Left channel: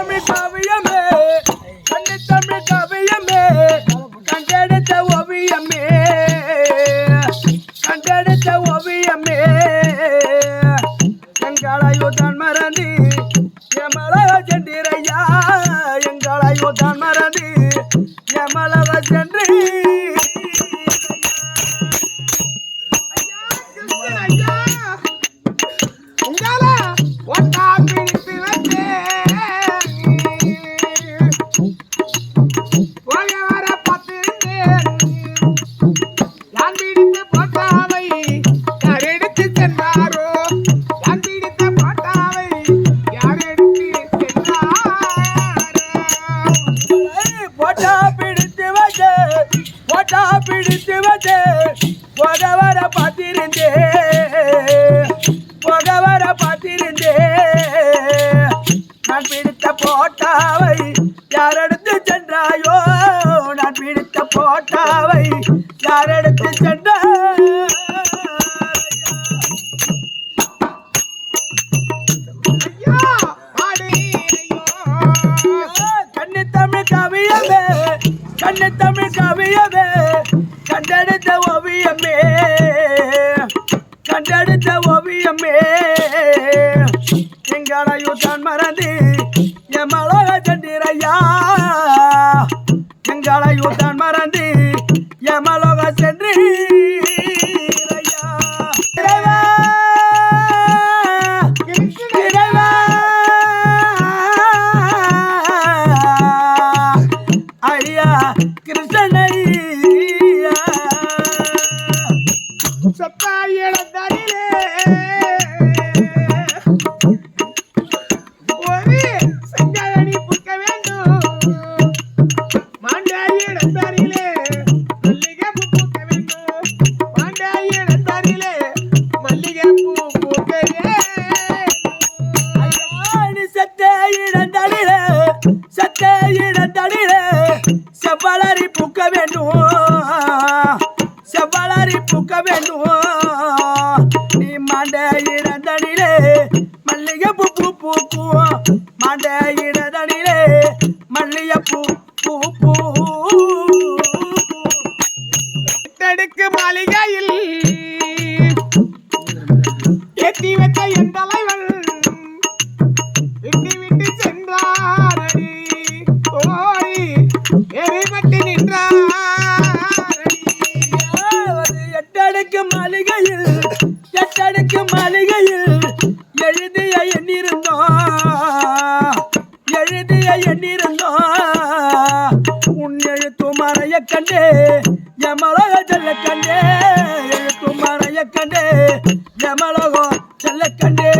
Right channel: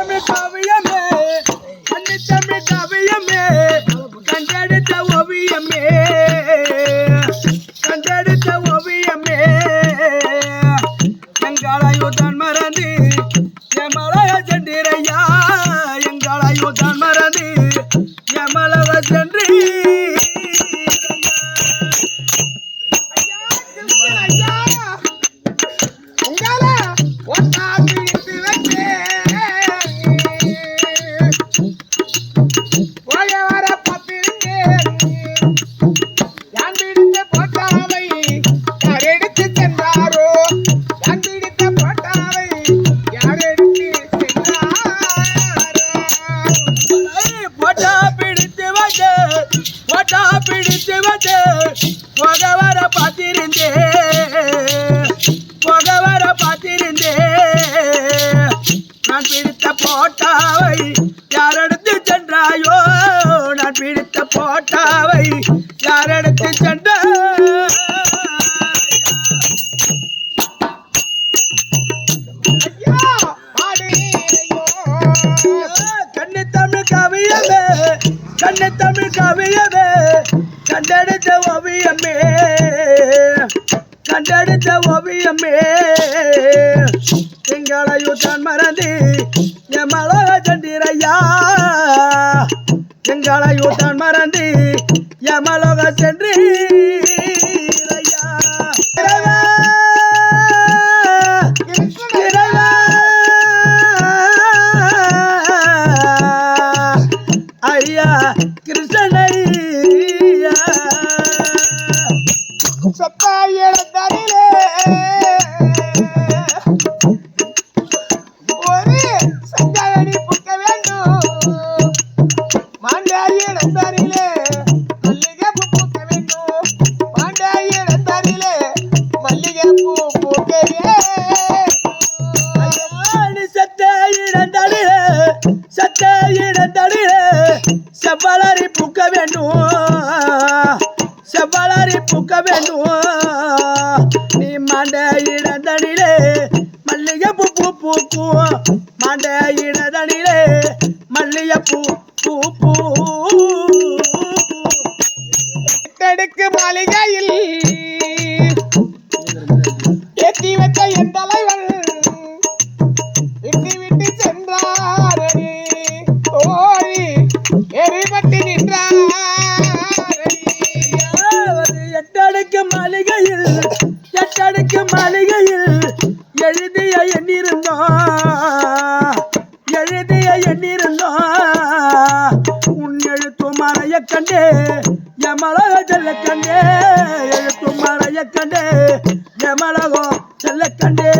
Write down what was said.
தமிழ் காவியமே கண்ணி தமிழ் காவியமே கண்டெடுத்த ஓவியமே கண்டெடுத்த ஓவியமே எங்களையுதான் மறந்து எமலக சென்றிரையா எங்களையுதான் மறந்து எமலக சென்று பிடித்து வந்து போகவர பார்த்திருந்தே நான் பிடித்த போட்டாவை யாரெடுத்து சென்றாயோ நான் பிடித்த போட்டாவை யாரெடுத்து சென்ற கண்ணி தமிழ் காவியமே கண்ணி தமிழ் காவியமே கண்டெடுத்த ஓவியமே கண்டெடுத்த ஓவியமே எங்களையுதான் மறந்து எமலக சென்றிரையா எங்களையுதான் மறந்து எமலக சென்று ஐயா கிருஷ்ணனை சத்தாயிடத்தரிலே ஒரு சஞ்சாரணி புக்க வேண்டும் மாண்டாயிடத்தரிலே மல்லிகை பூ பூக்க வேண்டும் மாண்டாயிடத்தரிலே மல்லிகை பூ பூக்கவே சத்தாயிடத்தரிலே செவ்வளரி பூக்க வேண்டும் செவ்வளரி பூக்க வேண்டும் நீ மாண்டையிடதனிலே மல்லிகை பூ பூ பூக்கும் மாண்டையிடதனிலே மல்லிகை பூ பூ பூ தடுக்கு மாளிகையில் ஏற்றி வைத்த என் தலைவன் விட்டு விட்டு சென்றாரடி ஓய் எரிபட்டு நின்றார் எட்டடுக்கு மாளிகையில் எழுதிய எண்ணிருந்தோம் உன் எழுத்து மறைய கண்டே எமலக செல்ல கண்டே எழுத்து மறைய கண்டே எமலகோ செல்ல கண்டே